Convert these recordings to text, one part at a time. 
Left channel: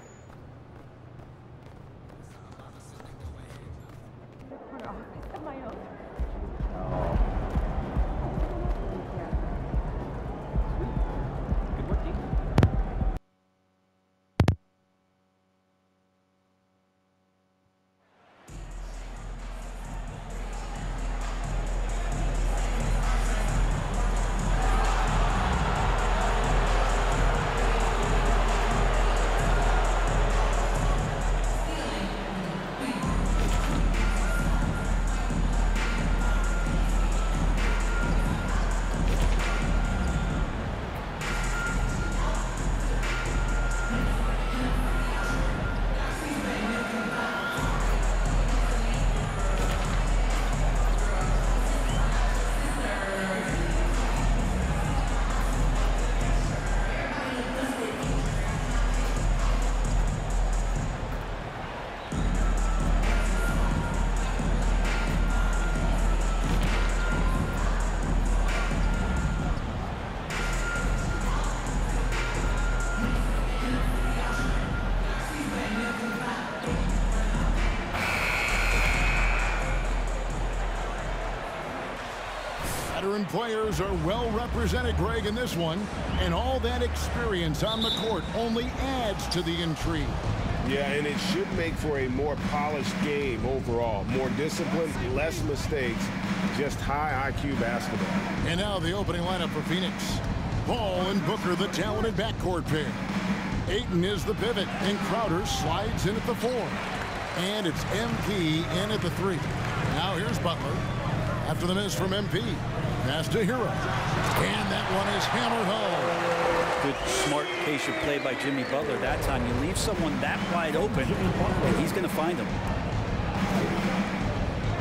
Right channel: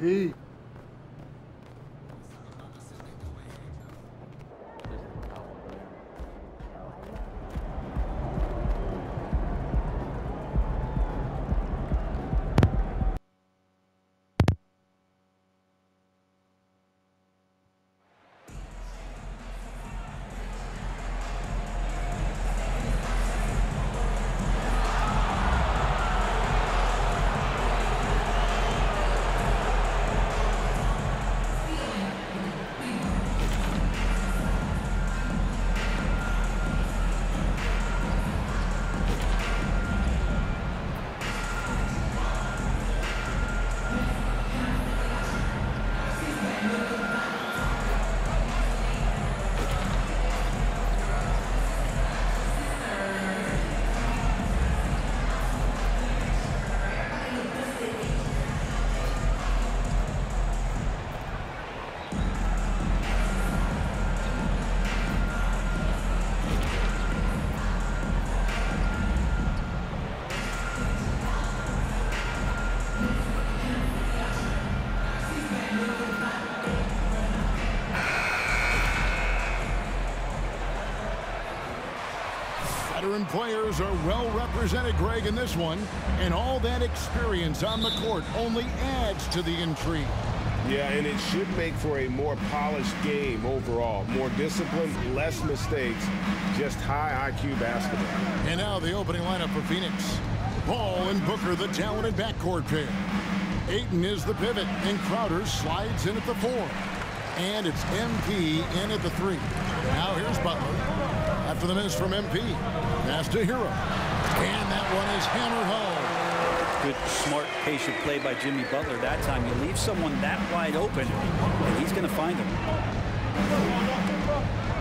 Pete. Veteran players are well represented, Greg, in this one, and all that experience on the court only adds to the intrigue. Yeah, and it should make for a more polished game overall. More discipline, less mistakes, just high IQ basketball. And now the opening lineup for Phoenix. Ball and Booker, the talented backcourt pair. Ayton is the pivot, and Crowder slides in at the 4. And it's MP in at the 3. Now here's Butler. After the miss from MP, pass to Hero. And that one is hammered home. Good, smart, patient play by Jimmy Butler. That time you leave someone that wide open, and he's going to find him.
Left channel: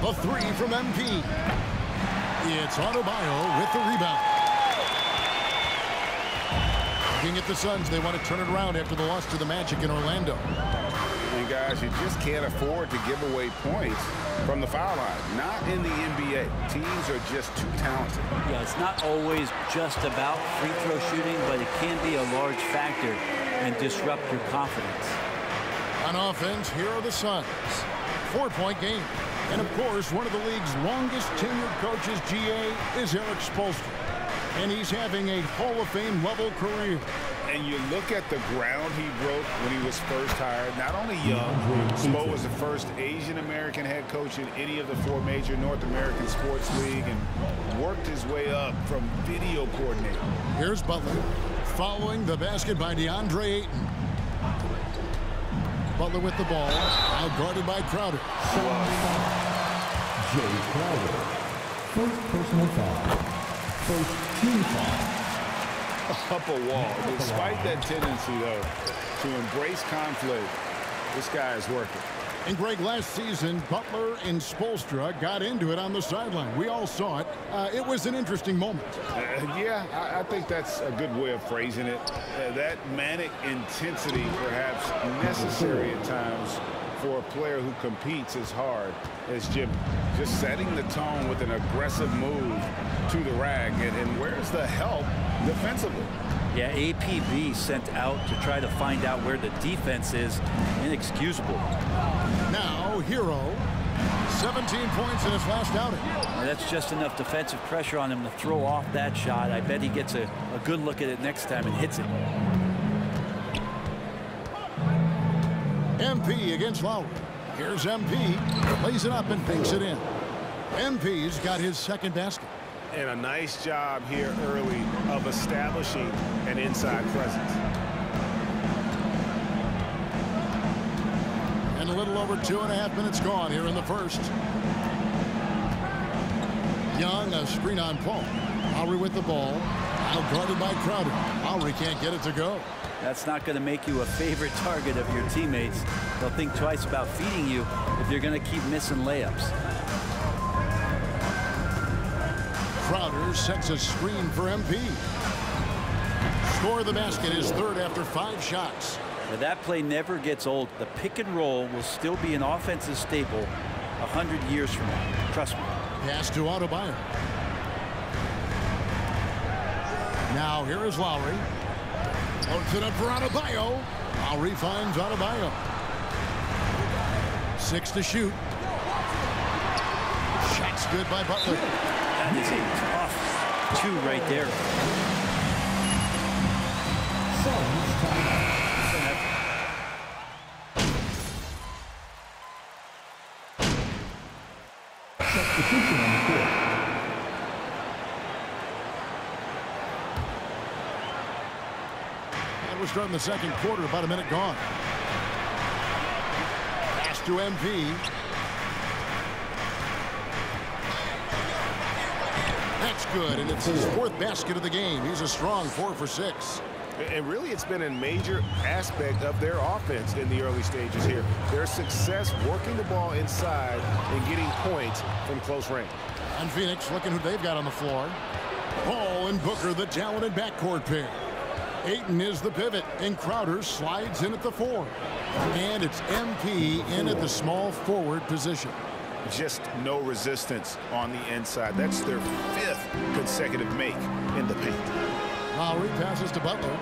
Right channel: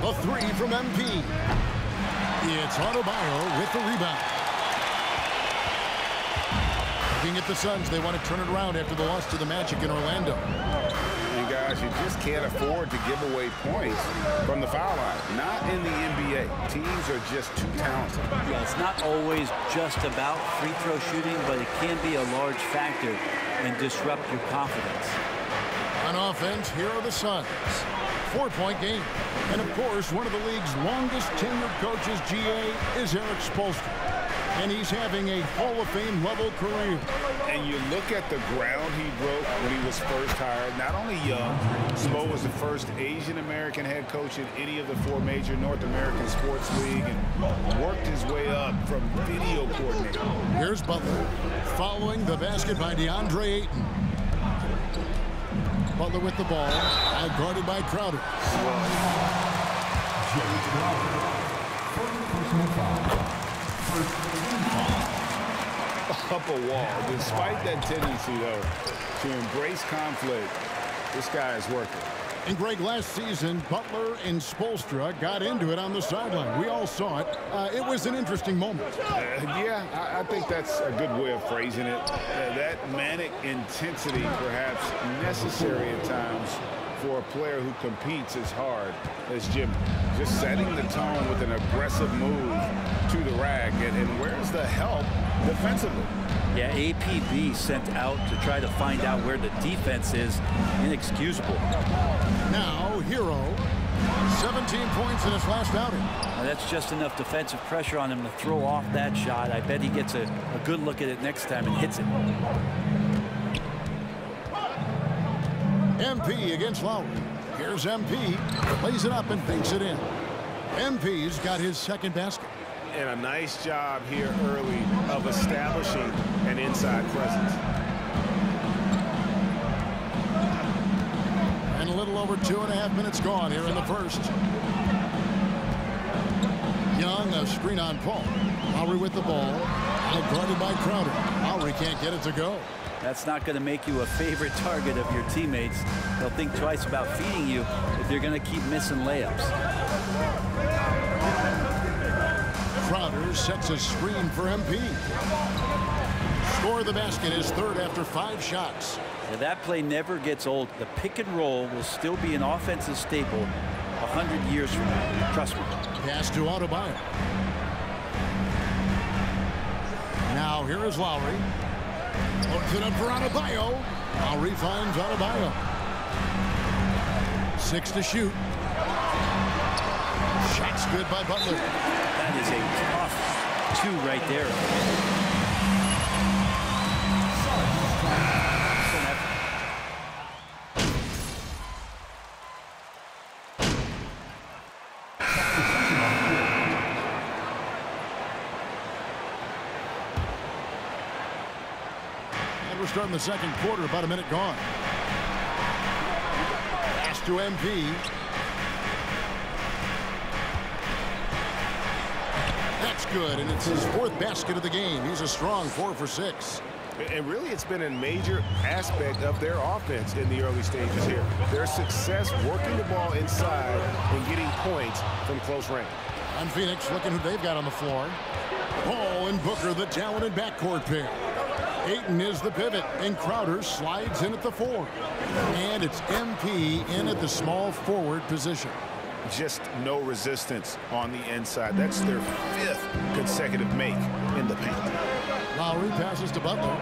The 3 from MP. It's Adebayo with the rebound. Looking at the Suns, they want to turn it around after the loss to the Magic in Orlando. And guys, you just can't afford to give away points from the foul line. Not in the NBA. Teams are just too talented. Yeah, it's not always just about free throw shooting, but it can be a large factor and disrupt your confidence. On offense, here are the Suns. 4-point game. And of course, one of the league's longest tenured coaches, GA, is Eric Spoelstra. And he's having a Hall of Fame level career. And you look at the ground he broke when he was first hired. Not only young, Spo was the first Asian-American head coach in any of the 4 major North American sports league and worked his way up from video coordinator. Here's Butler following the basket by DeAndre Ayton. Butler with the ball, out guarded by Crowder. Jay Crowder, first personal foul, first team foul. Up a wall. Despite that tendency, though, to embrace conflict, this guy is working. And Greg, last season, Butler and Spoelstra got into it on the sideline. We all saw it. It was an interesting moment. Yeah, I think that's a good way of phrasing it. That manic intensity, perhaps necessary at times for a player who competes as hard as Jimmy. Just setting the tone with an aggressive move to the rack. And where's the help defensively? Yeah, APB sent out to try to find out where the defense is. Inexcusable. Now, Hero, 17 points in his last outing. Now, that's just enough defensive pressure on him to throw off that shot. I bet he gets a good look at it next time and hits it. MP against Lowry. Here's MP, lays it up and banks it in. MP's got his second basket. And a nice job here early of establishing an inside presence. And a little over 2.5 minutes gone here in the first. Young, a screen on Paul. Lowry with the ball, out guarded by Crowder. Lowry can't get it to go. That's not going to make you a favorite target of your teammates. They'll think twice about feeding you if you're going to keep missing layups. Crowder sets a screen for MP. Score of the basket is third after 5 shots. Now, that play never gets old. The pick and roll will still be an offensive staple 100 years from now. Trust me. Pass to Adebayo. Now here is Lowry. Loads it up for Adebayo. Lowry finds Adebayo. 6 to shoot. Shot's good by Butler. That is a tough 2 right there. Substitution on the court. And we're starting the second quarter, about a minute gone. Pass to MP. That's good, and it's his 4th basket of the game. He's a strong 4 for 6. And really, it's been a major aspect of their offense in the early stages here. Their success working the ball inside and getting points from close range. On Phoenix, looking who they've got on the floor. Ball and Booker, the talented backcourt pair. Ayton is the pivot, and Crowder slides in at the 4. And it's MP in at the small forward position. Just no resistance on the inside. That's their 5th consecutive make in the paint. Lowry passes to Butler.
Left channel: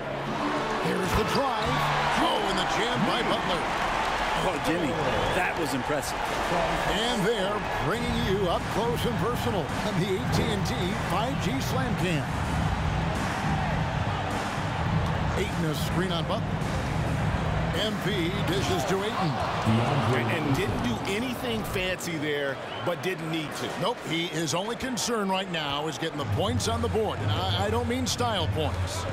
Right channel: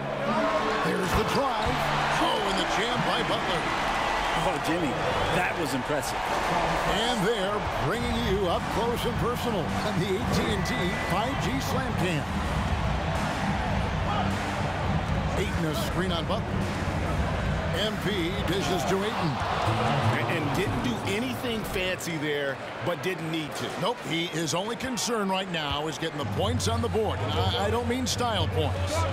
There's the drive. Oh, and the jam by Butler. Oh, Jimmy, that was impressive. And they're bringing you up close and personal on the AT&T 5G Slam Cam. Ayton a screen on Butler. MP dishes to Ayton. And didn't do anything fancy there, but didn't need to. Nope, his only concern right now is getting the points on the board. And I don't mean style points.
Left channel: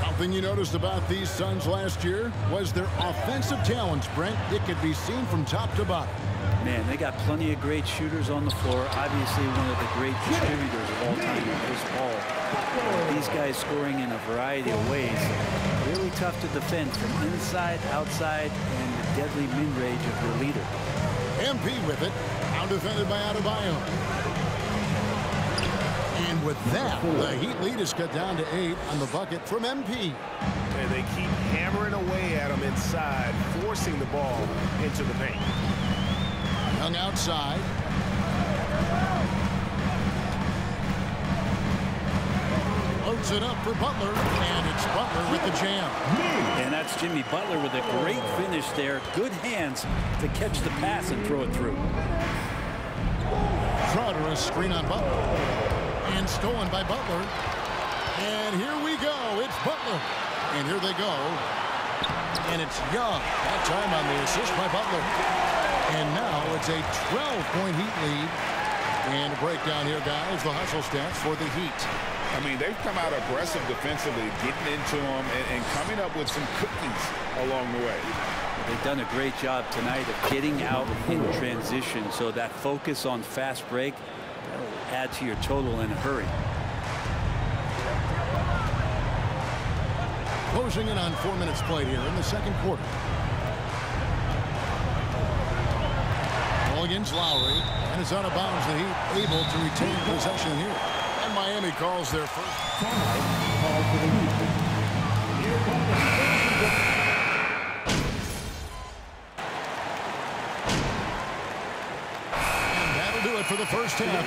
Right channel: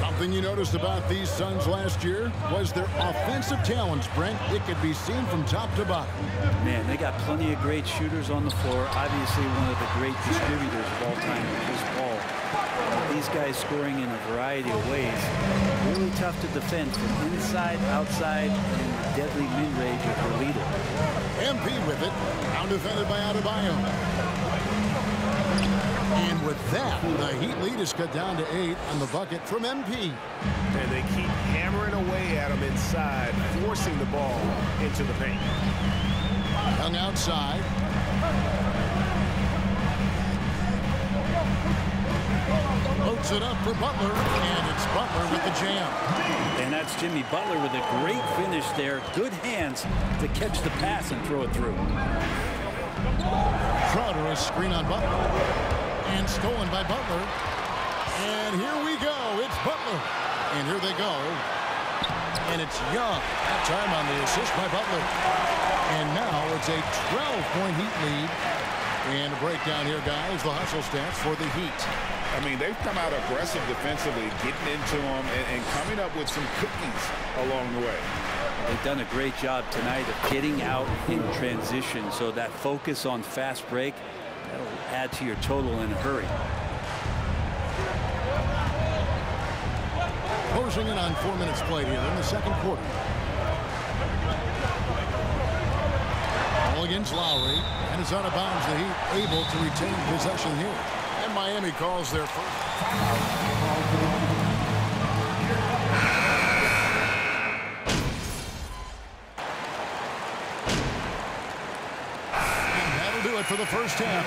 Something you noticed about these Suns last year was their offensive talents, Brent. It could be seen from top to bottom. Man, they got plenty of great shooters on the floor. Obviously, one of the great distributors of all time in Chris Paul. These guys scoring in a variety of ways. Really tough to defend from inside, outside, and the deadly mid-range of your leader. MP with it. Now defended by Adebayo. And with that, the Heat lead is cut down to 8 on the bucket from MP. And they keep hammering away at him inside, forcing the ball into the paint. Young outside. Loads it up for Butler, and it's Butler with the jam. And that's Jimmy Butler with a great finish there. Good hands to catch the pass and throw it through. Crowder a screen on Butler. And stolen by Butler. And here we go. It's Butler. And here they go. And it's Young. That time on the assist by Butler. And now it's a 12-point Heat lead. And a breakdown here, guys. The hustle stats for the Heat. I mean, they've come out aggressive defensively, getting into them and coming up with some cookies along the way. They've done a great job tonight of getting out in transition. So that focus on fast break, that'll add to your total in a hurry. Closing in on 4 minutes played here in the second quarter. Ball against Lowry, and it's out of bounds. The Heat able to retain possession here. And Miami calls their first. And that'll do it for the first half.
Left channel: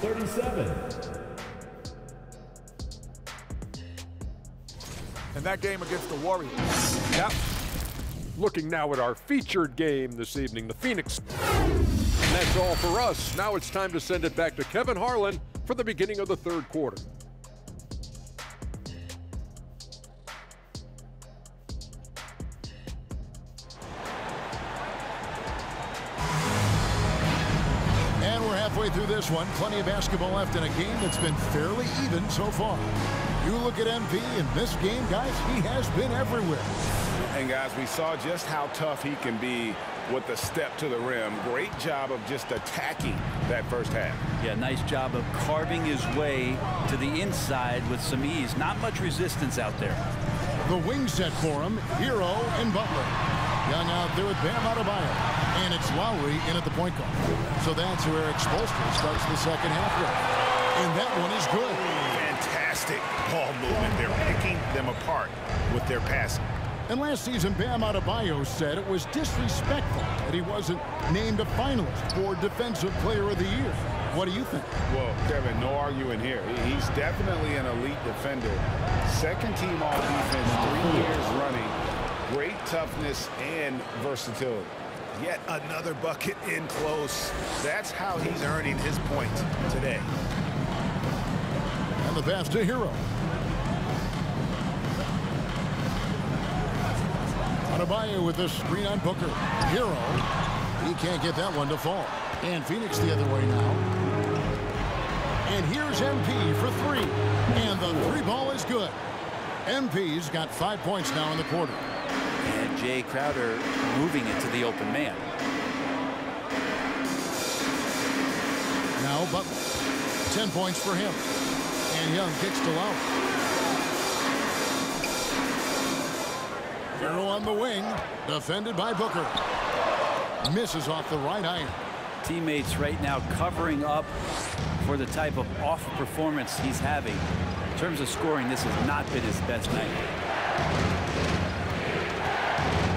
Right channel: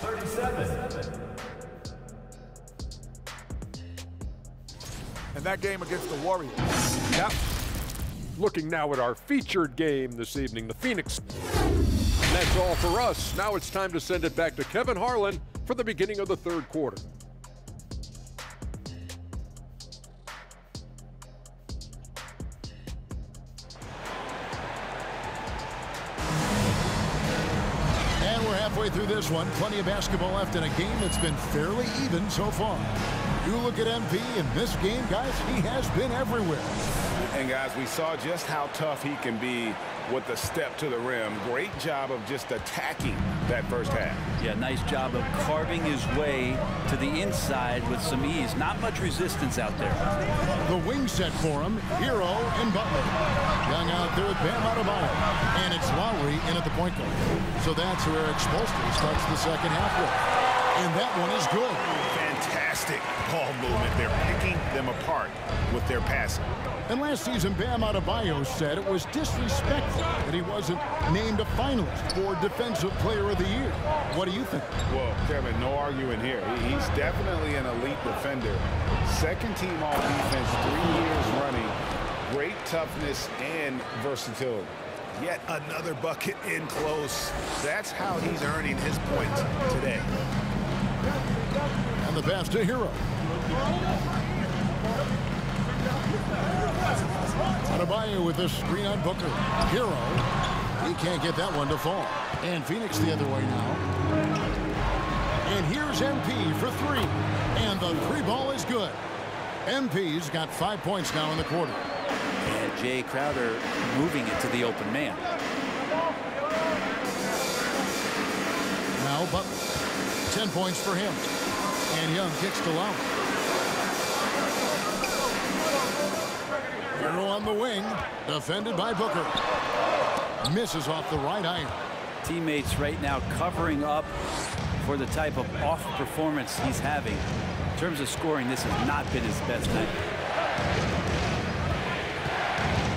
37. And that game against the Warriors. Yep. Looking now at our featured game this evening, the Phoenix. And that's all for us. Now it's time to send it back to Kevin Harlan for the beginning of the third quarter. And we're halfway through this one. Plenty of basketball left in a game that's been fairly even so far. You look at MP in this game, guys, he has been everywhere. And guys, we saw just how tough he can be with the step to the rim. Great job of just attacking that first half. Yeah, nice job of carving his way to the inside with some ease. Not much resistance out there. The wing set for him, Hero and Butler. Young out there with Bam Adebayo. And it's Lowry in at the point guard. So that's who Eric Spoelstra starts the second half with. And that one is good. Fantastic ball movement. They're picking them apart with their passing. And last season, Bam Adebayo said it was disrespectful that he wasn't named a finalist for Defensive Player of the Year. What do you think? Well, Kevin, no arguing here. He's definitely an elite defender. Second team all defense 3 years running. Great toughness and versatility. Yet another bucket in close. That's how he's earning his points today. And the pass to Hero. Adebayo with the screen on Booker. Hero, he can't get that one to fall. And Phoenix the other way now. And here's MP for three. And the three ball is good. MP's got 5 points now in the quarter. And Jay Crowder moving it to the open man. Now Butler. 10 points for him. And Young kicks to Lowry. Hero on the wing, defended by Booker. Misses off the right iron. Teammates right now covering up for the type of off performance he's having. In terms of scoring, this has not been his best night.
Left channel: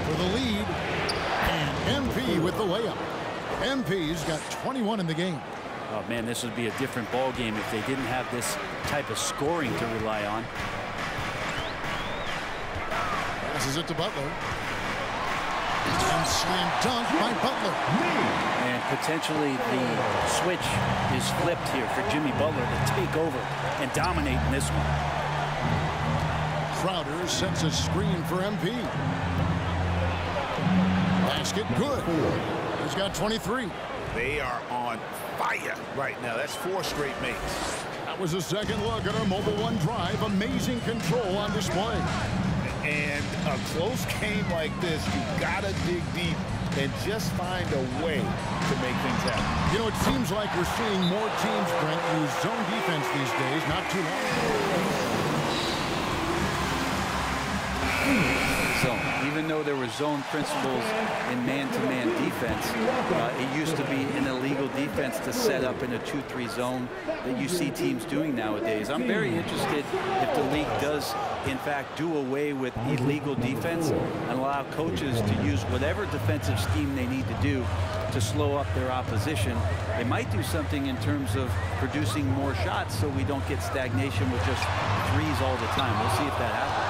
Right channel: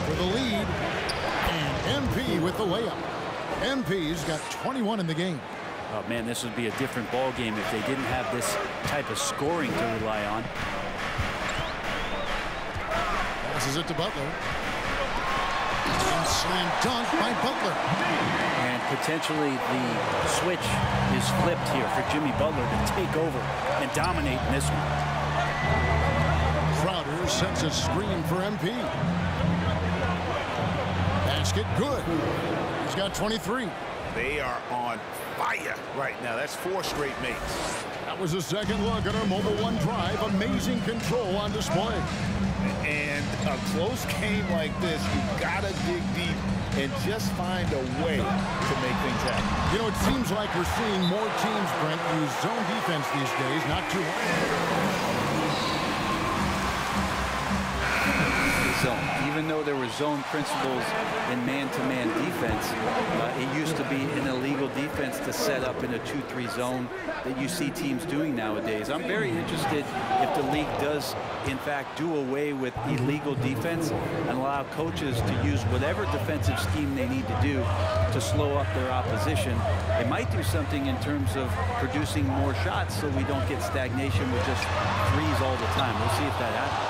For the lead, and MP with the layup. MP's got 21 in the game. Oh man, this would be a different ball game if they didn't have this type of scoring to rely on. Passes it to Butler. And slam dunk by Butler. And potentially the switch is flipped here for Jimmy Butler to take over and dominate in this one. Crowder sets a screen for MP. Basket good. He's got 23. They are on fire right now. That's 4 straight makes. That was a second look at our Mobile One drive. Amazing control on display. And a close game like this, you gotta dig deep and just find a way to make things happen. You know, it seems like we're seeing more teams, Brent, use zone defense these days. Not too long ago. Zone. Even though there were zone principles in man-to-man defense, it used to be an illegal defense to set up in a 2-3 zone that you see teams doing nowadays. I'm very interested if the league does, in fact, do away with illegal defense and allow coaches to use whatever defensive scheme they need to do to slow up their opposition. It might do something in terms of producing more shots so we don't get stagnation with just threes all the time. We'll see if that happens.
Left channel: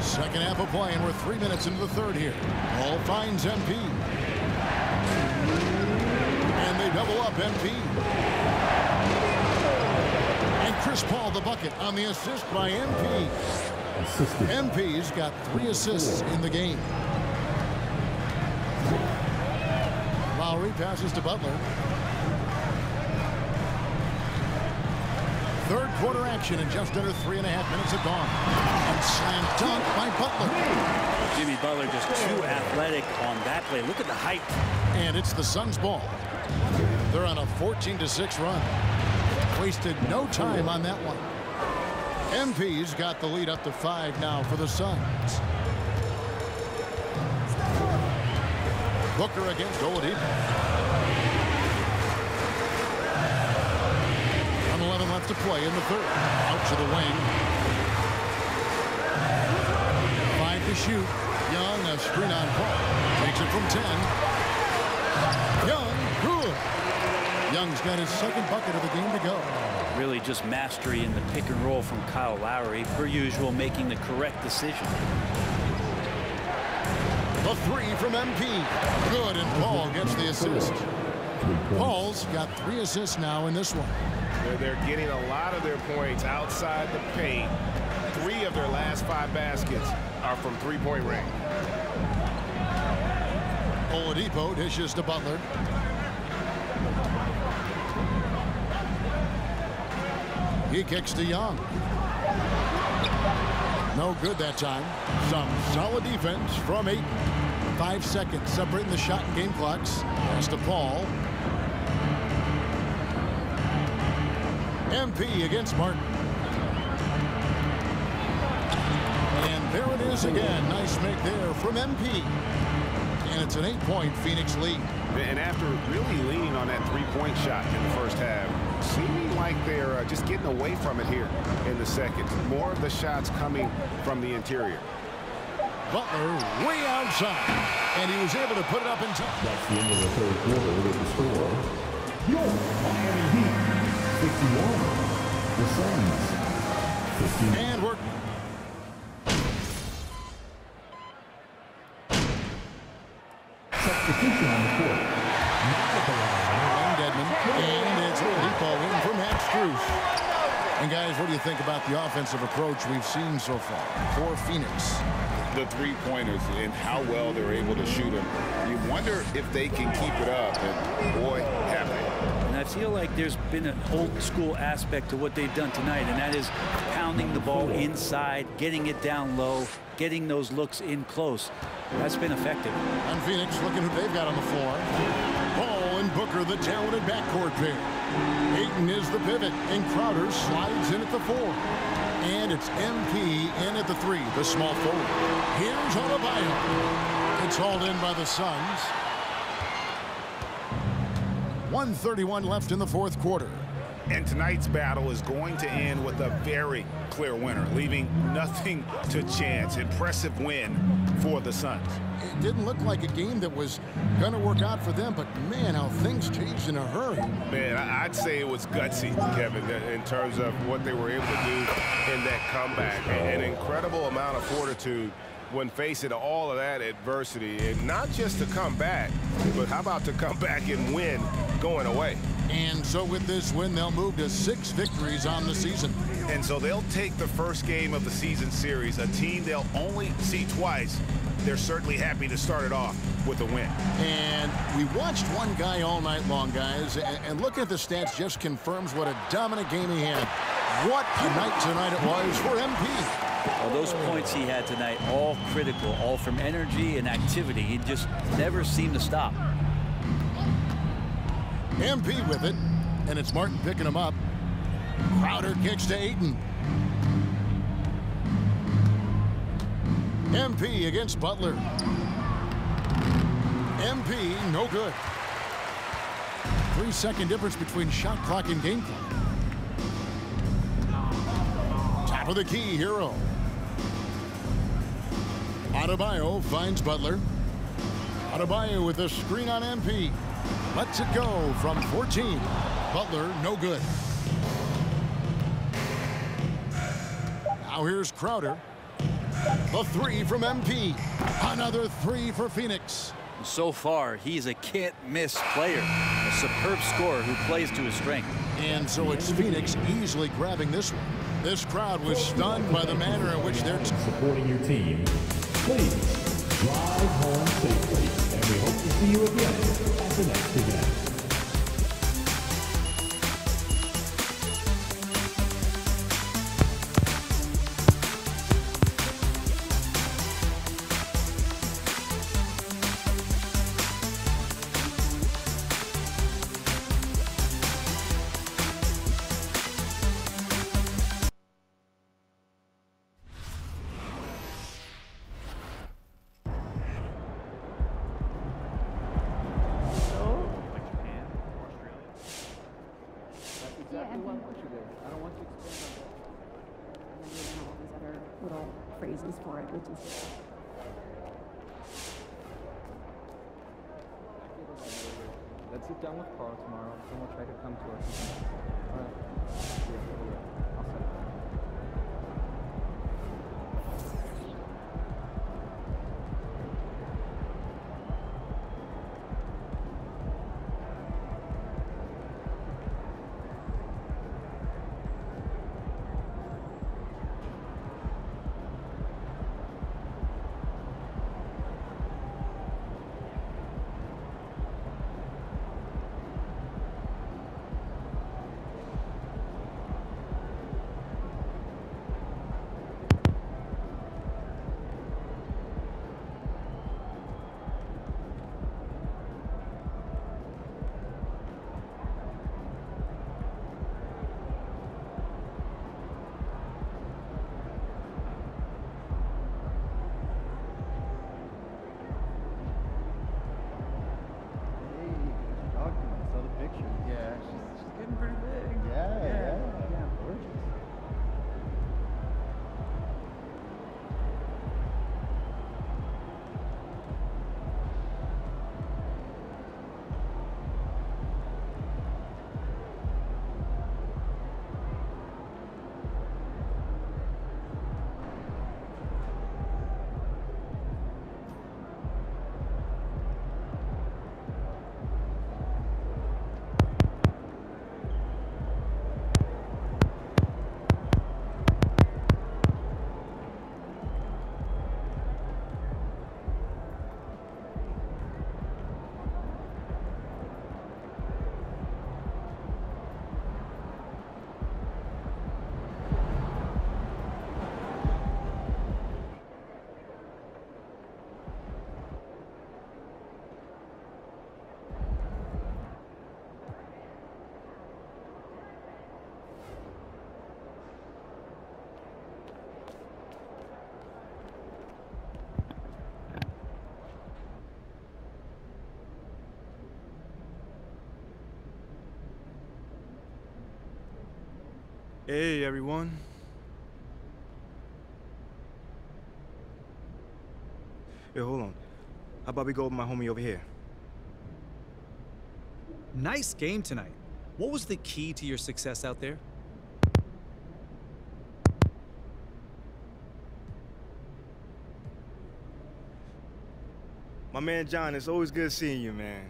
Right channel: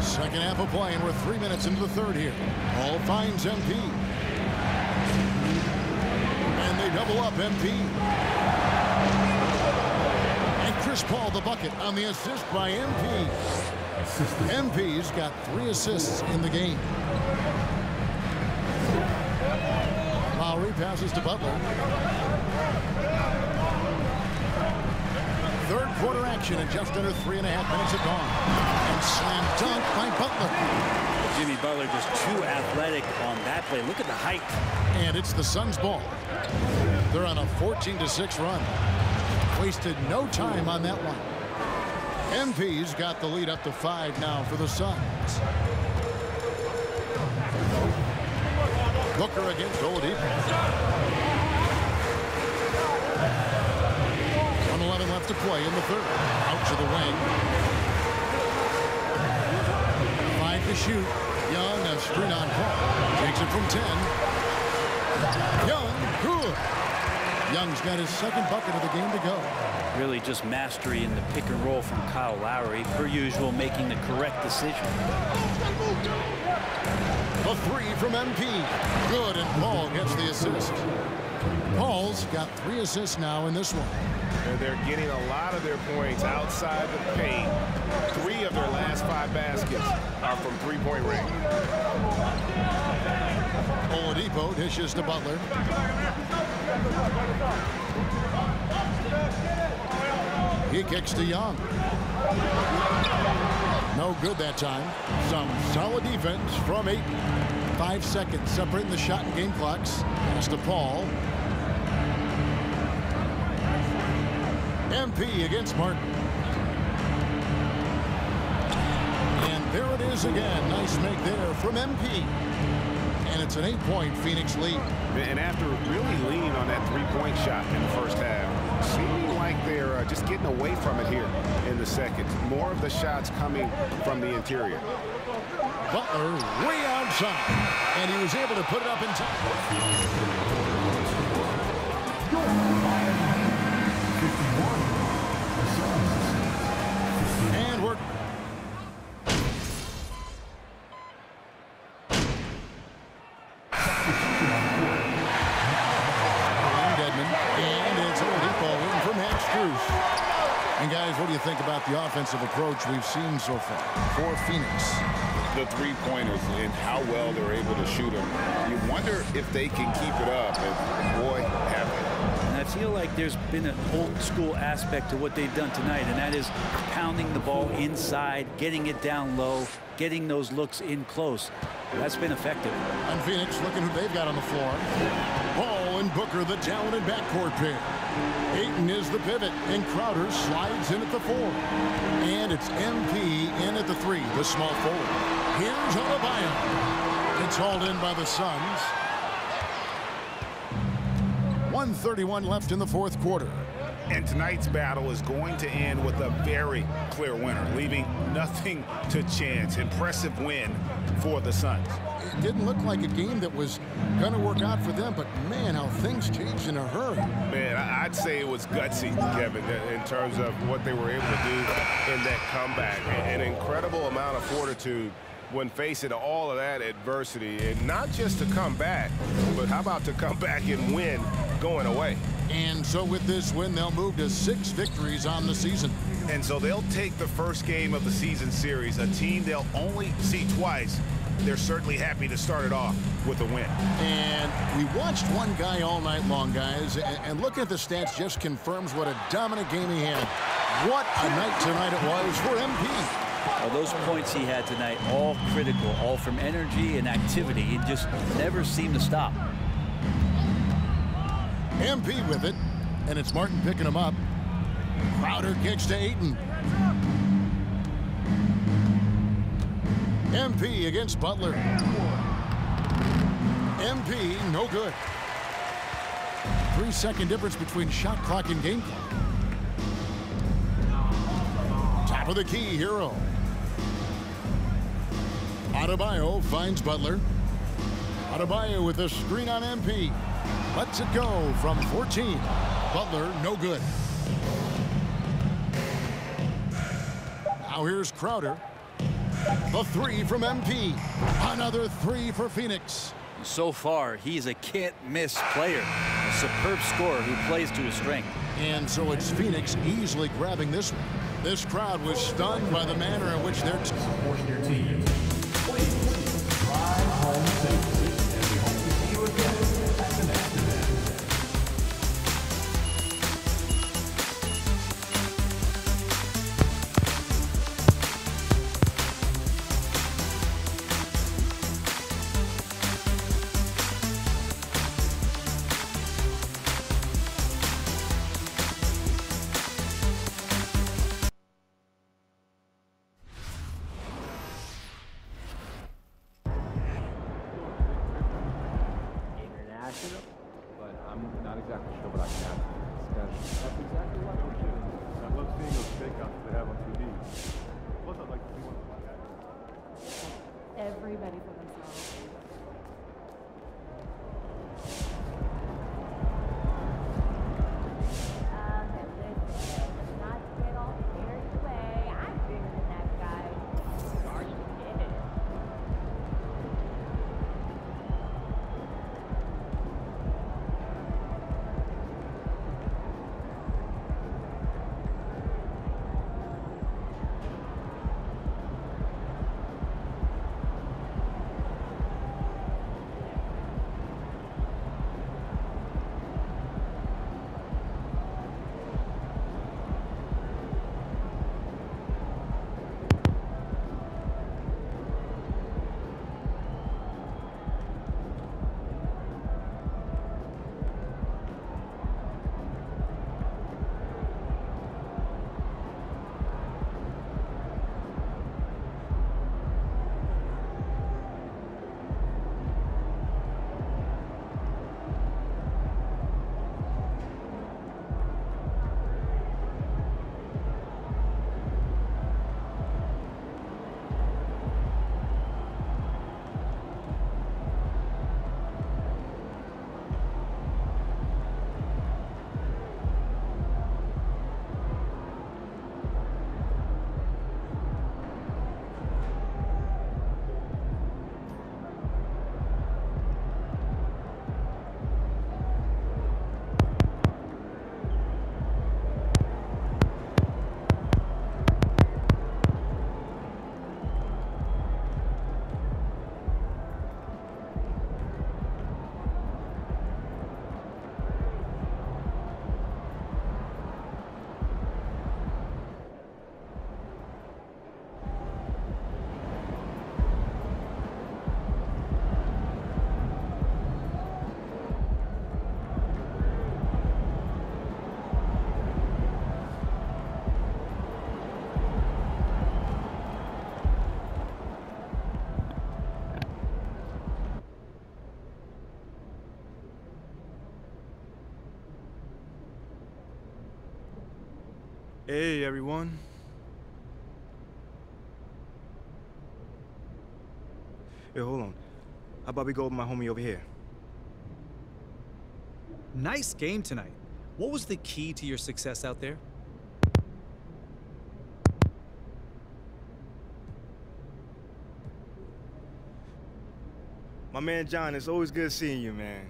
Second half of play, and we're 3 minutes into the third here. Ball finds MP. And they double up MP. And Chris Paul the bucket on the assist by MP. MP's got 3 assists in the game. Lowry passes to Butler. Third quarter action, and just under 3.5 minutes have gone. And slam dunk by Butler. Jimmy Butler just too athletic on that play. Look at the height. And it's the Suns' ball. They're on a 14-6 run. Wasted no time on that one. MP's got the lead up to 5 now for the Suns. Booker against Oladipo. 1:11 left to play in the third. Out to the wing. 5 to shoot. Young, a screen on Paul. Takes it from 10. Young, good. Young's got his second bucket of the game to go. Really just mastery in the pick and roll from Kyle Lowry, per usual, making the correct decision. The 3 from MP. Good, and Paul gets the assist. Paul's got 3 assists now in this one. They're getting a lot of their points outside the paint. 3 of their last 5 baskets are from three-point range. Oladipo dishes to Butler. He kicks to Young. No good that time. Some solid defense from Ayton. 5 seconds separating the shot and game clocks. Pass to Paul. MP against Martin. And there it is again. Nice make there from MP. and it's an 8-point Phoenix lead. And after really leaning on that three-point shot in the first half, seeming like they're just getting away from it here in the second. More of the shots coming from the interior. Butler way outside, and he was able to put it up in time. That's the end of the third quarter with the score. Your Miami Heat, 51. The Suns, 50. And we're Substitution on the court. Wayne Dedmon, and it's a Oladipo in for Max Strus. And guys, what do you think about the offensive approach we've seen so far for Phoenix? The three-pointers and how well they're able to shoot them. You wonder if they can keep it up, and boy, have they. And I feel like there's been an old school aspect to what they've done tonight, and that is pounding the ball inside, getting it down low, getting those looks in close. That's been effective. And Phoenix looking who they've got on the floor. Ball and Booker, the talented backcourt pair. Ayton is the pivot, and Crowder slides in at the 4. And it's MP in at the 3, the small forward. Here's Adebayo. It's hauled in by the Suns. 1:31 left in the fourth quarter. And tonight's battle is going to end with a very clear winner, leaving nothing to chance. Impressive win for the Suns. It didn't look like a game that was going to work out for them, but man, how things changed in a hurry. Man, I'd say it was gutsy, Kevin, in terms of what they were able to do in that comeback. An incredible amount of fortitude when facing all of that adversity, and not just to come back, but how about to come back and win going away. And so with this win, they'll move to 6 victories on the season. And so they'll take the first game of the season series, a team they'll only see twice. They're certainly happy to start it off with a win. And we watched one guy all night long, guys, and looking at the stats just confirms what a dominant game he had. What a night tonight it was for MP. Well, those points he had tonight, all critical, all from energy and activity. He just never seemed to stop. MP with it, and it's Martin picking him up. Crowder kicks to Ayton. MP against Butler. MP, no good. 3-second difference between shot clock and game clock. Top of the key, Hero. Adebayo finds Butler. Adebayo with a screen on MP. Lets it go from 14. Butler, no good. Now here's Crowder. The 3 from MP. Another 3 for Phoenix. So far, he's a can't-miss player. A superb scorer who plays to his strength. And so it's Phoenix easily grabbing this one. This crowd was stunned by the manner in which they're Supporting your team. Please drive home safely, and we hope to see you again at the next event. Hey, everyone. Hey, hold on. How about we go with my homie over here? Nice game tonight. What was the key to your success out there? My man John, it's always good seeing you, man.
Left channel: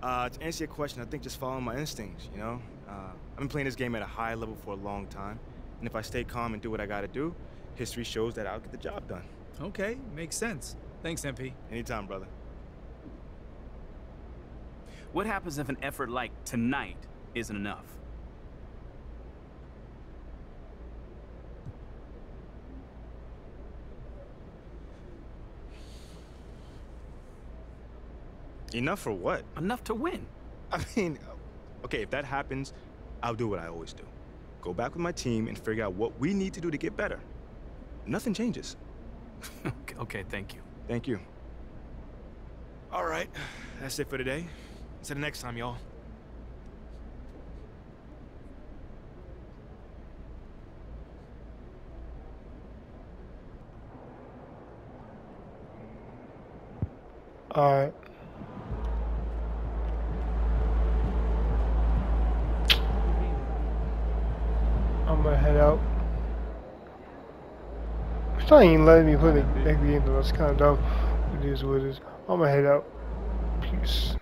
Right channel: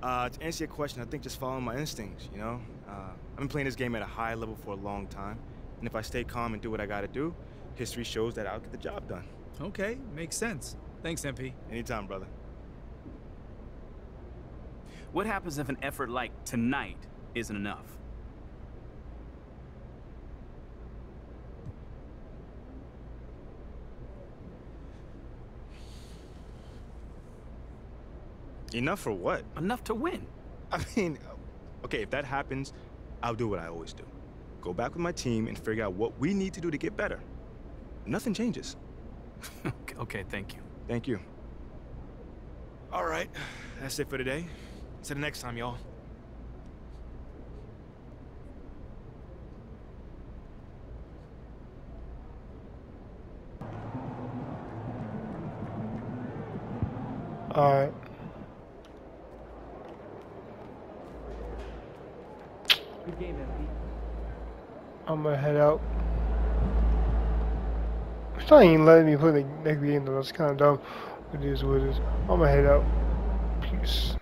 To answer your question, I think just following my instincts, you know? I've been playing this game at a high level for a long time, and if I stay calm and do what I gotta do, history shows that I'll get the job done. Okay, makes sense. Thanks, MP. Anytime, brother. What happens if an effort like tonight isn't enough? Enough for what? Enough to win. I mean, okay, if that happens, I'll do what I always do. Go back with my team and figure out what we need to do to get better. Nothing changes. Okay, thank you. Thank you. All right, that's it for today. Until the next time, y'all. Alright. I'm gonna head out. It's not even letting me play the next game though. That's kind of dumb. It is what it is. I'm gonna head out. Peace.